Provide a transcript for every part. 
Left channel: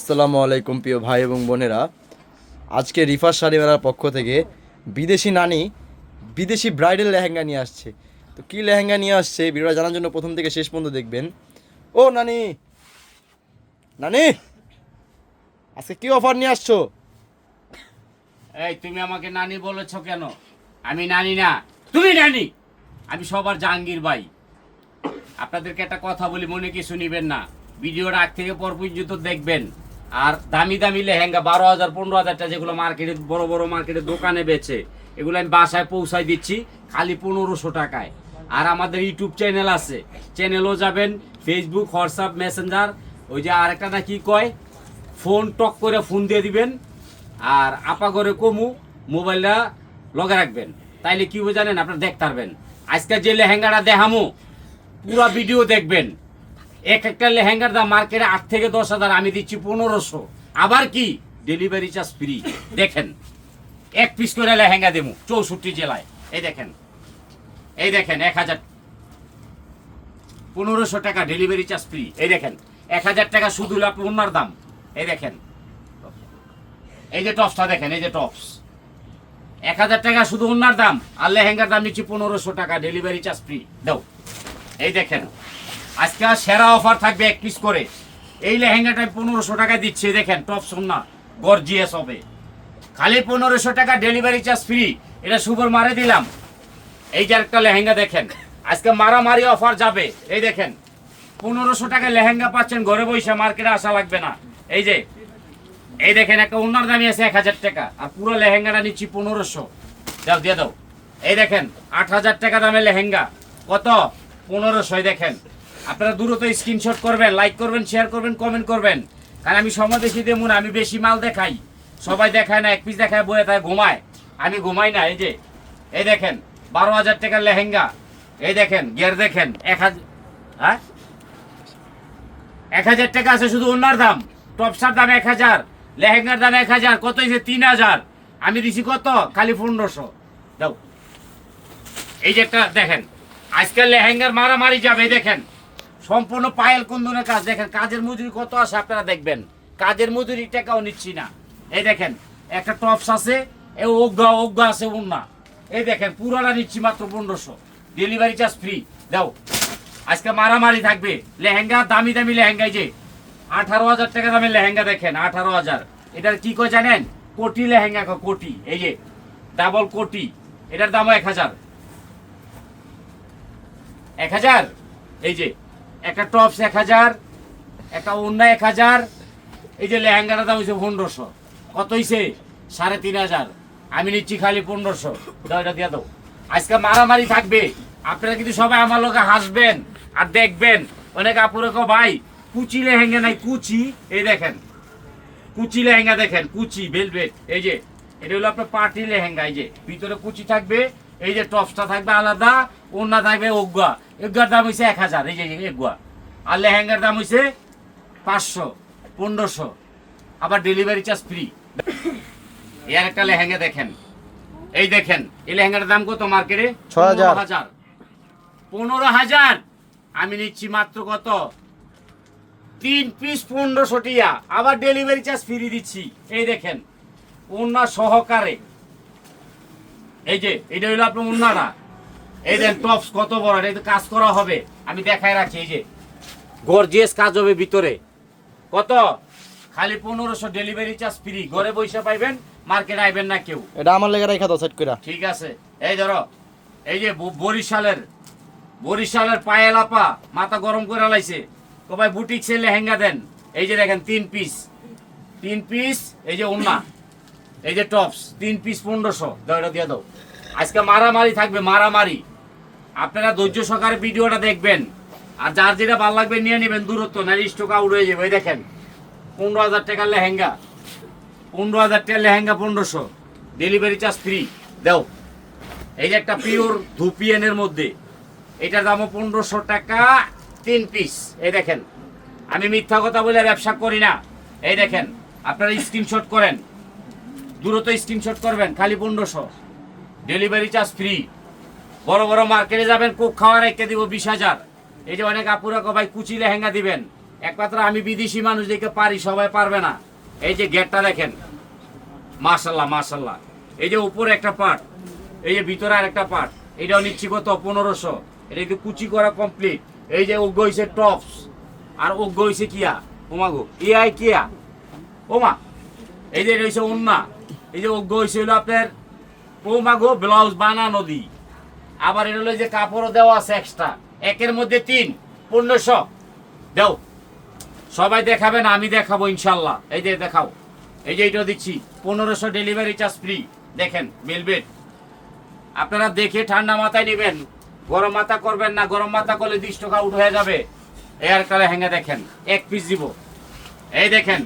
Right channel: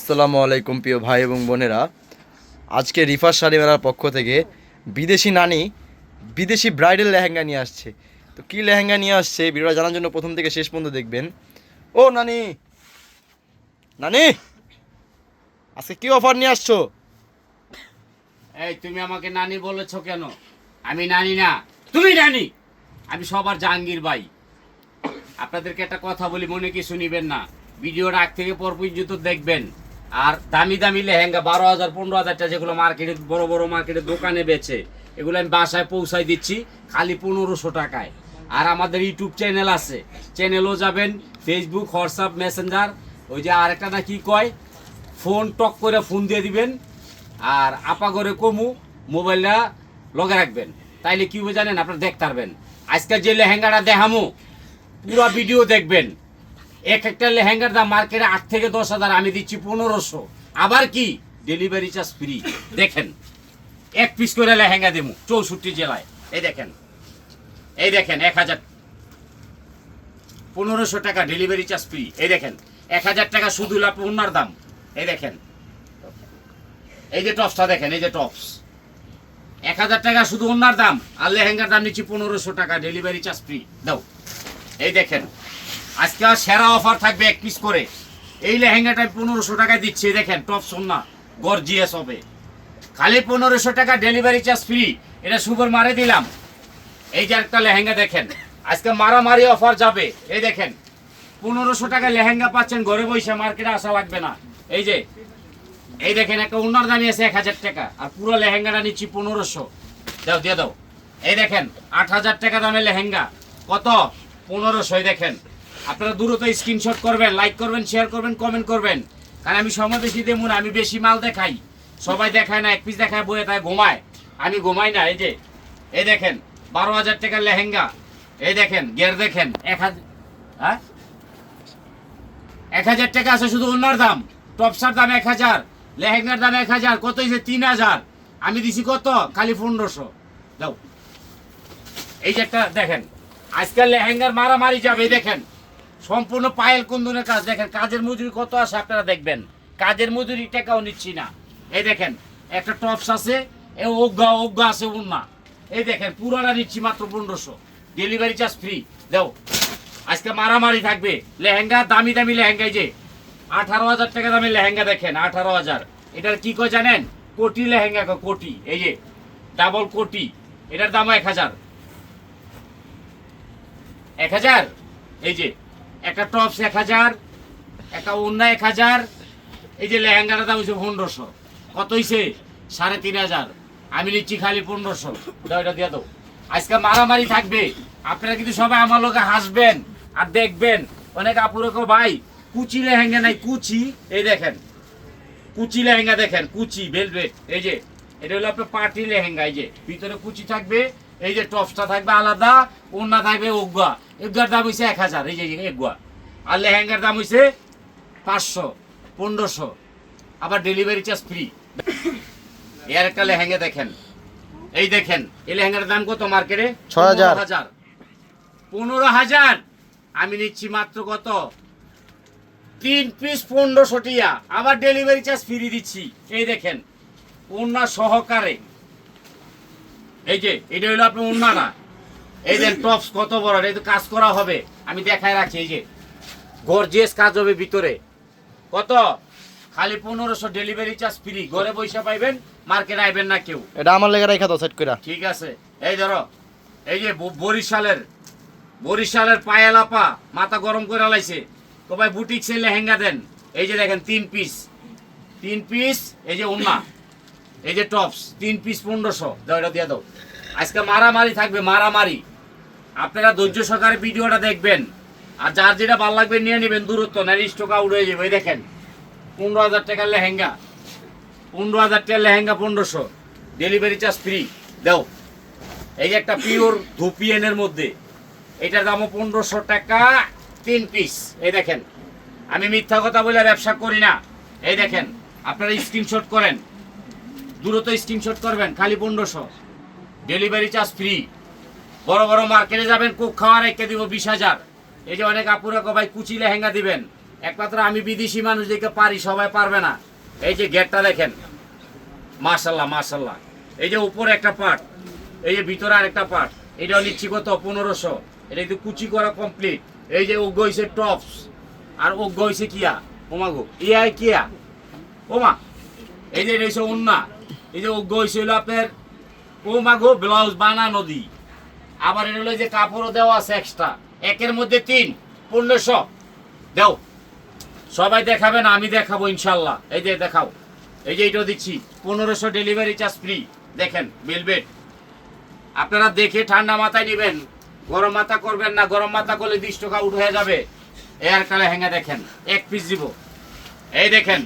আসসালামু আলাইকুম প্রিয় ভাই এবং বোনেরা। আজকে রিফার শাড়ি মেলার পক্ষ থেকে বিদেশি নানি, বিদেশি ব্রাইডাল লেহেঙ্গা নিয়ে আসছে। তো কী লেহেঙ্গা নিয়ে আসছে? ভিডিওটা জানার জন্য প্রথম থেকে শেষ পর্যন্ত দেখবেন। ও, নানি! নানি! আজকে কী অফার নিয়ে আসছো? এই, তুমি আমাকে নানি বলেছ কেন? আমি নানি না। তুমি নানি! আমি সবার জাহাঙ্গীর ভাই। আপনাদেরকে একটা কথা বলি, মনে কিছু নিবেন না। ভিডিওটা আগ থেকে পর পর্যন্ত দেখবেন। আর দামি দামি লেহেঙ্গা বারো হাজার, পনেরো হাজারটা যেগুলো মার্কেটে বড় বড় মার্কেটে দোকানে বেচে, এগুলো আমি বাসায় পৌঁছাই দিচ্ছি, খালি পনেরোশো টাকায়। আর আমাদের ইউটিউব চ্যানেল আছে চ্যানেলও যাবেন ফেসবুক হোয়াটসঅ্যাপ মেসেঞ্জার ওই যে আরেকটা না কি কয় ফোন টক করে ফোন দিয়ে দিবেন, আর আপা করে কমু মোবাইলটা লগে রাখবেন। তাইলে কি জানেন, আপনারা দেখতে পারবেন। আজকে যে লেহেঙ্গাটা দেখামু, পুরো ভিডিও দেখবেন। এক একটা লেহেঙ্গার দাম মার্কেটে আট থেকে দশ হাজার, আমি দিচ্ছি পনেরোশো। আবার কি? ডেলিভারি চার্জ ফ্রি দেখেন, এক পিস করে লেহেঙ্গা দেবো, চৌষট্টি জেলায়। এই দেখেন এই দেখেন, এক হাজার পনেরোশো টাকা ডেলিভারি চার্জ ফ্রি এই দেখেন, এক হাজার টাকা শুধু আপনি ওনার দাম। এই দেখেন, এই যে টপসটা দেখেন, এই যে টপস এক হাজার টাকা শুধু ওনার দাম, আর লেহেঙ্গার দাম নিচ্ছি পনেরোশো টাকা ডেলিভারি চার্জ ফ্রি দাও, এই দেখেন। আজকে আর সেরা অফার থাকবে এক পিস করে। এই লেহেঙ্গাটা পনেরোশো টাকায় দিচ্ছি দেখেন টপস ওনা গর্জিয়াস হবে। খালি পনেরোশো টাকা ডেলিভারি চার্জ ফ্রি এটা সুপার মারে দিলাম। এই যে একটা লেহেঙ্গা দেখেন, আজকে মারামারি অফার যাবে, এই দেখেন। পনেরোশো টাকা লেহেঙ্গা পাচ্ছেন, ঘরে বসে মার্কেটে আসা লাগবে না। এই যে, এই দেখেন, একটা উন্নর দামি আছে এক হাজার টাকা, আর পুরো লেহেঙ্গাটা নিচ্ছি পনেরোশো। দাও দিয়ে দাও। এই দেখেন, আট হাজার টাকা দামের লেহেঙ্গা, কত? পনেরোশো এই দেখেন। আপনারা দ্রুত স্ক্রিনশট করবেন লাইক করবেন শেয়ার করবেন কমেন্ট করবেন। কারণ আমি সময় বেশি দেবো আমি বেশি মাল দেখাই। সবাই দেখায় না, এক পিস দেখায় বয়ে তাই ঘুমায়। আমি ঘুমাই না, এই যে, এই দেখেন, বারো হাজার টাকার লেহেঙ্গা। এই দেখেন, গের দেখেন, এক হাজার হ্যাঁ? এক হাজার টাকা আছে শুধু ওনার দাম। টপসার দাম এক হাজার, লেহেঙ্গার দাম এক হাজার, কত হয়েছে? তিন হাজার। আমি দিছি কত? খালি পনেরোশো। দাও এই যে একটা দেখেন, আজকাল লেহেঙ্গার মারামারি যাবে দেখেন। সম্পূর্ণ পায়েল কুন্দনের কাজ। দেখেন, কাজের মজুরি কত আছে আপনারা দেখবেন। কাজের মজুরি টাকাও নিচ্ছি না। এই দেখেন, একটা টপস আছে, এ অজ্ঞা অজ্ঞা আছে উন্না এই দেখেন, পুরোটা নিচ্ছি মাত্র পনেরোশো। ডেলিভারি চার্জ ফ্রি দাও, আজকে মারামারি থাকবে। লেহেঙ্গা, দামি দামি লেহেঙ্গা এই যে। আঠারো হাজার টাকা দামের লেহেঙ্গা দেখেন, আঠারো হাজার। এটার কি কয় জানেন? কোটি লেহেঙ্গা কোটি। এই যে ডাবল কোটি। এটার দামও এক হাজার। এক হাজার? এই যে একটা টপস এক হাজার, একটা অন্য এক হাজার, এই যে লেহেঙ্গাটার দাম হচ্ছে পনেরোশো। কত হয়েছে সাড়ে তিন হাজার। আমি নিচ্ছি খালি পনেরোশো। দাও এটা দিয়ে দাও। আজকে মারামারি থাকবে। আপনারা কিন্তু সবাই আমার লোকে হাসবেন আর দেখবেন। অনেক আপুরে কো ভাই, কুচি লেহেঙ্গা নাই, কুচি। এই দেখেন, কুচি লেহেঙ্গা দেখেন, কুচি ভেলভেট এই যে, এটা হলো আপনার পার্টি লেহেঙ্গা, এই যে, ভিতরে কুচি থাকবে এই যে টপসটা থাকবে আলাদা ওন্না থাকবে ওগুয়া। এগুয়ার দাম হয়েছে এক হাজার এই যে এগুয়া। আর লেহেঙ্গার দাম হয়েছে পাঁচশো পনেরোশো। আবার ডেলিভারি চার্জ ফ্রি এর একটা লেহেঙ্গা দেখেন। এই দেখেন এই লেহেঙ্গার দাম কত মার্কেটে ছয় হাজার। পনেরো হাজার। পনেরো হাজার? আমি নিচ্ছি মাত্র কত? তিন পিস পনেরোশো টিয়া। আবার ডেলিভারি চার্জ ফ্রি দিচ্ছি। এই দেখেন ওন্না সহকারে। এই যে এটা হলো আপনার ওন্না না এই দেন টপস কত বড় এই তো কাজ করা হবে। আমি দেখায় রাখছি এই যে। গর্জিয়াস কাজ হবে ভিতরে। কত? খালি পনেরোশো ডেলিভারি চার্জ ফ্রি ঘরে পয়সা পাইবেন মার্কেট আইবেন না কেউ। এটা আমার লেগে রেখা দাও সেট করে ঠিক আছে। এই ধরো এই যে বরিশালের বরিশালের পায়েলাপা মাথা গরম করে লাইছে। তো ভাই বুটিক্সে লেহেঙ্গা দেন। এই যে দেখেন তিন পিস তিন পিস এই যে উন্না এই যে টপস তিন পিস পনেরোশো। দাও, এটা দিয়ে দাও। আজকে মারামারি থাকবে, মারামারি। আপনারা ধৈর্য সহকারে ভিডিওটা দেখবেন। আর যার যেটা ভালো লাগবে নিয়ে নেবেন, দূরত্ব না স্টক আউট হয়ে যাবে। দেখেন, পনেরো হাজার টাকার লেহেঙ্গা। পনেরো হাজার টাকার লেহেঙ্গা পনেরোশো। ডেলিভারি চার্জ ফ্রি দাও। এই যে একটা পিওর ধুপিয়ানের মধ্যে। এটার দামও পনেরোশো টাকা, তিন পিস এই দেখেন। আমি মিথ্যা কথা বলে ব্যবসা করি না। এই দেখেন, আপনারা স্ক্রিনশট করেন। দ্রুত স্ক্রিনশট করবেন খালি পনেরোশো। Delivery charge free. বড় বড় মার্কেটে যাবেন কোক খাওয়া রেখে দিব বিশ হাজার। এই যে অনেক আপুরা কো ভাই কুচি লেহেঙ্গা দিবেন। একমাত্র আমি বিদেশি মানুষ দেখে পারি সবাই পারবে না। এই যে গেটটা দেখেন। মাশাল্লাহ মাশাল্লাহ। এই যে উপরে একটা পার্ট এই যে ভিতরে আরেকটা পার্ট এটাও নিচ্ছি কত? পনেরোশো। এটা কিন্তু কুচি করা কমপ্লিট এই যে ওগ্য হয়েছে টপস আর ওগ্য হয়েছে কিয়া? ওমাগো। ইয়াই কিয়া? ওমা। এই যে এটা হয়েছে ওন্না। এই যে ওগ্য হয়েছে হলো আপনার ওমাগো ব্লাউজ বানানো দি আবার এটা হলো যে কাপড়ও দেওয়া আছে এক্সট্রা একের মধ্যে তিন, পনেরোশো। দেও। সবাই দেখাবেন, আমি দেখাবো ইনশাল্লাহ। এই যে দেখাও। এই যে এটা দিচ্ছি, পনেরোশো ডেলিভারি চার্জ ফ্রি দেখেন বেলবেট আপনারা দেখে ঠান্ডা মাথায় নেবেন। গরম মাথা করবেন না, গরম মাথা করলে বিশ টাকা উঠ হয়ে যাবে। এয়ার কালে হ্যাঙ্গা দেখেন, এক পিস দিব। এই দেখেন,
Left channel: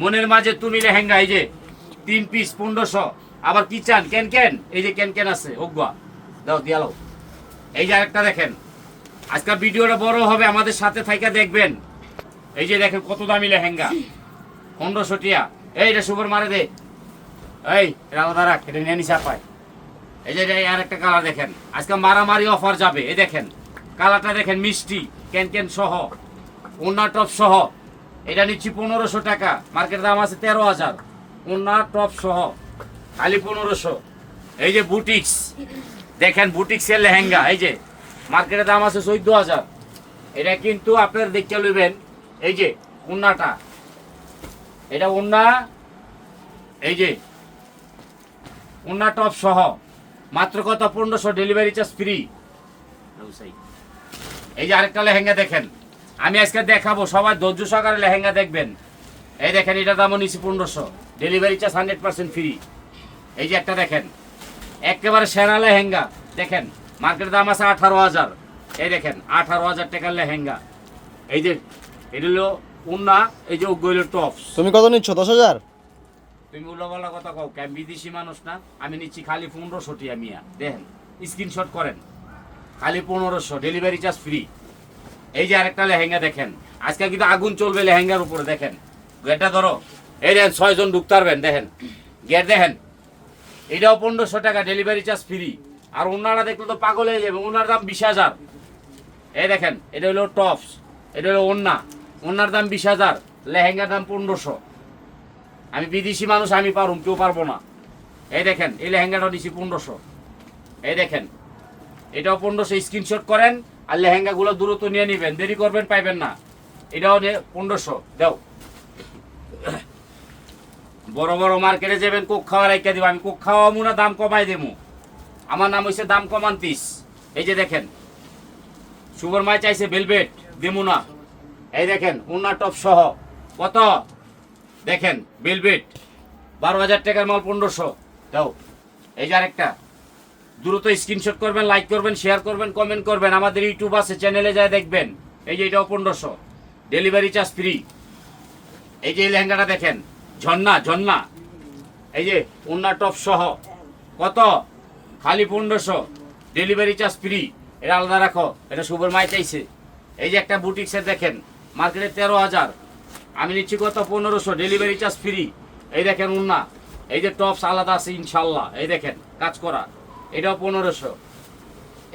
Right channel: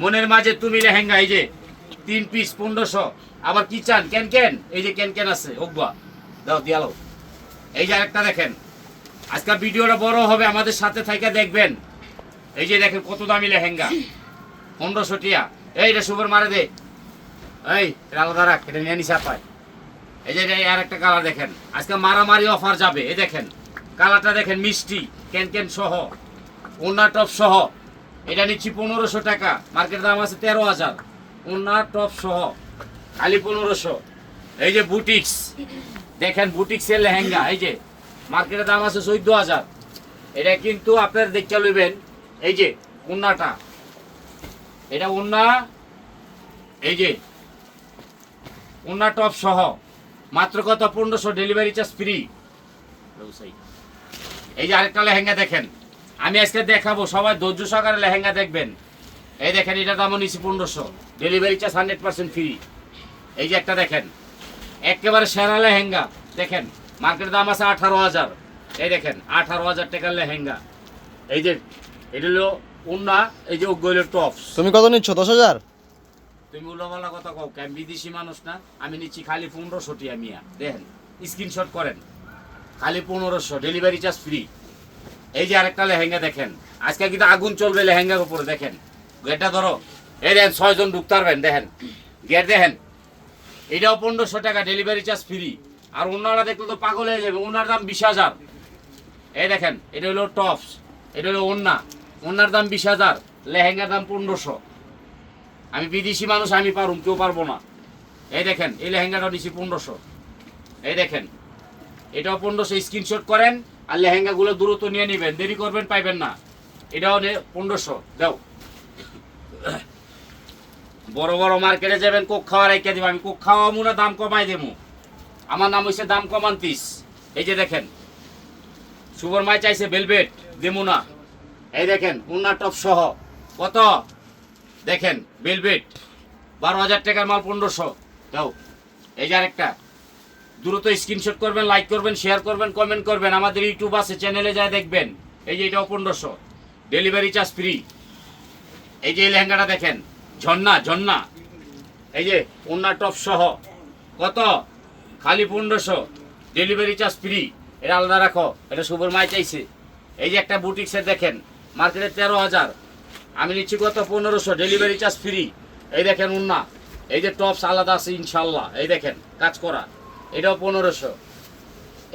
মনের মাঝে তুমি লেহেঙ্গা এই যে তিন পিস পনেরোশো। আবার কি চান? কেন কেন? এই যে কেন কেন আছে ওগুয়া দাও দিয়ালো এই যে আরেকটা দেখেন। আজকাল ভিডিওটা বড় হবে, আমাদের সাথে থাইকা দেখবেন। এই যে দেখেন কত দামি লেহেঙ্গা। পনেরোশো টিয়া। এই এটা সুপার মারে দে। এই আলাদা রাখ, এটা নিয়ে নিশা পায় এই যে আর একটা কালার দেখেন। আজকে মারামারি অফার যাবে, এই দেখেন। কালারটা দেখেন মিষ্টি, কেন কেন সহ। ওনার টপ সহ। এটা নিচ্ছি পনেরোশো টাকা। মার্কেট দাম আছে তেরো হাজার। ওনার টপ সহ, খালি পনেরোশো। এই যে বুটিক্স, দেখেন বুটিক্সের লেহেঙ্গা, এই যে, মার্কেটের দাম আছে চোদ্দ হাজার। এটা কিন্তু আপনার দেখতে লইবেন, এই যে, উন্নাটা। এটা উন্না, এই যে, উন্না টপ সহ, মাত্র কত? পনেরোশো, ডেলিভারি চার্জ ফ্রি। এই যে আরেকটা লেহেঙ্গা দেখেন, আমি আজকে দেখাবো, সবাই ধৈর্য সহকারে লেহেঙ্গা দেখবেন। এই দেখেন এটা দামও নিচ্ছি পনেরোশো। Delivery charge hundred percent free এই যে একটা দেখেন একেবারে সেরা লেহেঙ্গা। দেখেন মার্কেট দাম আছে আঠারো হাজার। এই দেখেন আঠারো হাজার টাকার লেহেঙ্গা। এই যে এটা হলো উন্না এই যে ওগুলো টপস তুমি কত নিচ্ছ দশ হাজার? তুমি উল্লাপাল্লা কথা কও আমি বিদেশি মানুষ না? আমি নিচ্ছি খালি পনেরোশো টিয়া মিয়া দেখেন স্ক্রিনশট করেন। খালি পনেরোশো ডেলিভারি চার্জ ফ্রি এই যে আরেকটা লেহেঙ্গা দেখেন আজকাল কিন্তু আগুন চলবে লেহেঙ্গার উপরে দেখেন। গেটটা ধরো এই ছয়জন ঢুকতে পারবেন, দেখেন। গেট দেখেন, এটাও পনেরোশো টাকা ডেলিভারি চার্জ ফ্রি আর ওনারা দেখলে তো পাগল হয়ে যাবে, ওনার দাম বিশ হাজার। এই দেখেন, এটা হলো টপস এটা হলো ওন্না ওনার দাম বিশ হাজার, লেহেঙ্গার দাম পনেরোশো। আমি বিদেশি মানুষ, আমি পারুম, কেউ পারব না। এই দেখেন, এই লেহেঙ্গাটা নিচ্ছি পনেরোশো। এই দেখেন, এটাও পনেরোশো স্ক্রিনশট করেন, আর লেহেঙ্গাগুলো দূরত্ব নিয়ে নেবেন। দেরি করবেন, পাইবেন না। এটাও পনেরোশো। দাও। বড় বড় মার্কেটে যাবেন, কোক খাওয়া রাইকা দিব। আমি কোক খাওয়াবো না দাম কমাই দেবো। আমার নাম হইছে দাম কমান্তিস। এই যে দেখেন সুপার মাছ চাইছে ভেলভেট, দেবো না। এই দেখেন, উন্না টপ সহ। কত? দেখেন, ভেলভেট, বারো হাজার টাকার মাল পনেরোশো। দাও, এই যে আরেকটা। দ্রুত স্ক্রিনশট করবেন লাইক করবেন শেয়ার করবেন কমেন্ট করবেন। আমাদের ইউটিউব আছে চ্যানেলে যায় দেখবেন। এই যে এটাও পনেরোশো। ডেলিভারি চার্জ ফ্রি এই যে এই লেহেঙ্গাটা দেখেন ঝর্ণা ঝর্ণা। এই যে ওন্না টপ সহ। কত? খালি পনেরোশো। ডেলিভারি চার্জ ফ্রি এটা আলাদা রাখো। এটা শুভর মাই চাইছে। এই যে একটা বুটিক্সের দেখেন। মার্কেটে তেরো হাজার। আমি নিচ্ছি কত? পনেরোশো। ডেলিভারি চার্জ ফ্রি এই দেখেন উন্না। এই যে টপস আলাদা আছে ইনশাল্লাহ। এই দেখেন, কাজ করা। এটাও পনেরোশো।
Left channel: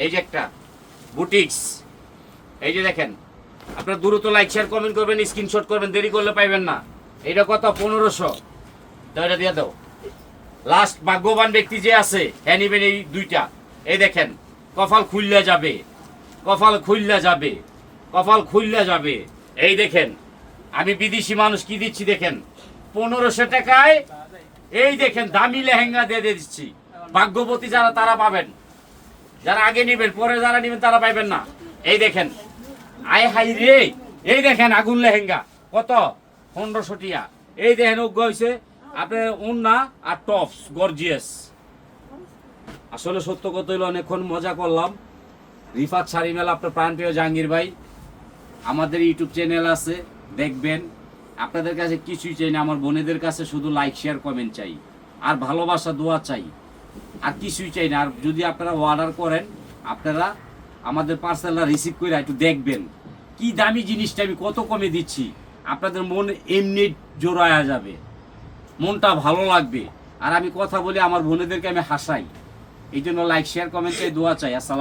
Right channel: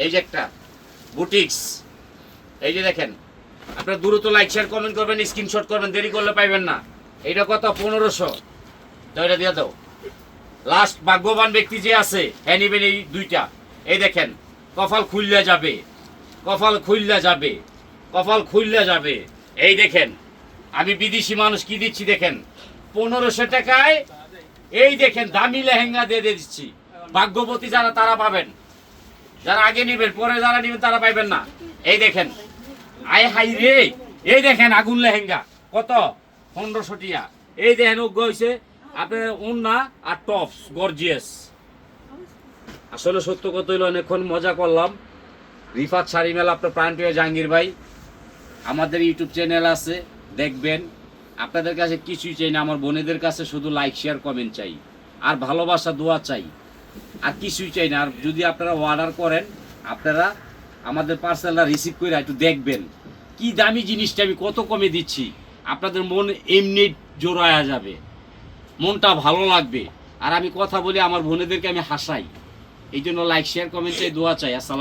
এই যে একটা বুটিক্স এই যে দেখেন। আপনার দ্রুত লাইক শেয়ার কমেন্ট করবেন স্ক্রিনশট করবেন। দেরি করলে পাইবেন না। এটা কত? পনেরোশো। তো এটা দিয়ে দাও। লাস্ট ভাগ্যবান ব্যক্তি যে আছে হ্যাঁ এই দুইটা। এই দেখেন, কপাল খুললে যাবে। কপাল খুললে যাবে। কপাল খুললে যাবে। এই দেখেন, আমি বিদেশি মানুষ কি দিচ্ছি দেখেন? পনেরোশো টাকায়, এই দেখেন, দামি লেহেঙ্গা দিয়ে দিয়ে দিচ্ছি। ভাগ্যবতী যারা, তারা পাবেন। যারা আগে নেবেন, পরে যারা নেবেন, তারা পাইবেন না। এই দেখেন, আয় হাই রে। এই দেখেন, আগুন লেহেঙ্গা। কত? পনেরোশো টিয়া। এই দেখেন, উগ্র হয়েছে আপনার উন্না আর টপস, গর্জিয়াস। আসলে সত্য কত হইল, অনেকক্ষণ মজা করলাম। রিফাত শাড়ি মেলা আপনার প্রাণপ্রিয় জাহাঙ্গীর ভাই, আমাদের ইউটিউব চ্যানেল আছে, দেখবেন। আপনাদের কাছে কিছুই চাই না, আমার বোনেদের কাছে শুধু লাইক শেয়ার কমেন্ট চাই। আর ভালোবাসা, দোয়া চাই। আর কিছুই চাই না, আর যদি আপনারা অর্ডার করেন, আপনারা আমাদের পার্সেলটা রিসিভ করে একটু দেখবেন। কি দামি জিনিসটা, আমি কত কমে দিচ্ছি। আপনাদের মন এমনি জোড়ায়া যাবে। মনটা ভালো লাগবে। আর আমি কথা বলি আমার বোনেদেরকে, আমি হাসাই। এই জন্য লাইক শেয়ার কমেন্ট চাই দোয়া চাই। আসসালাম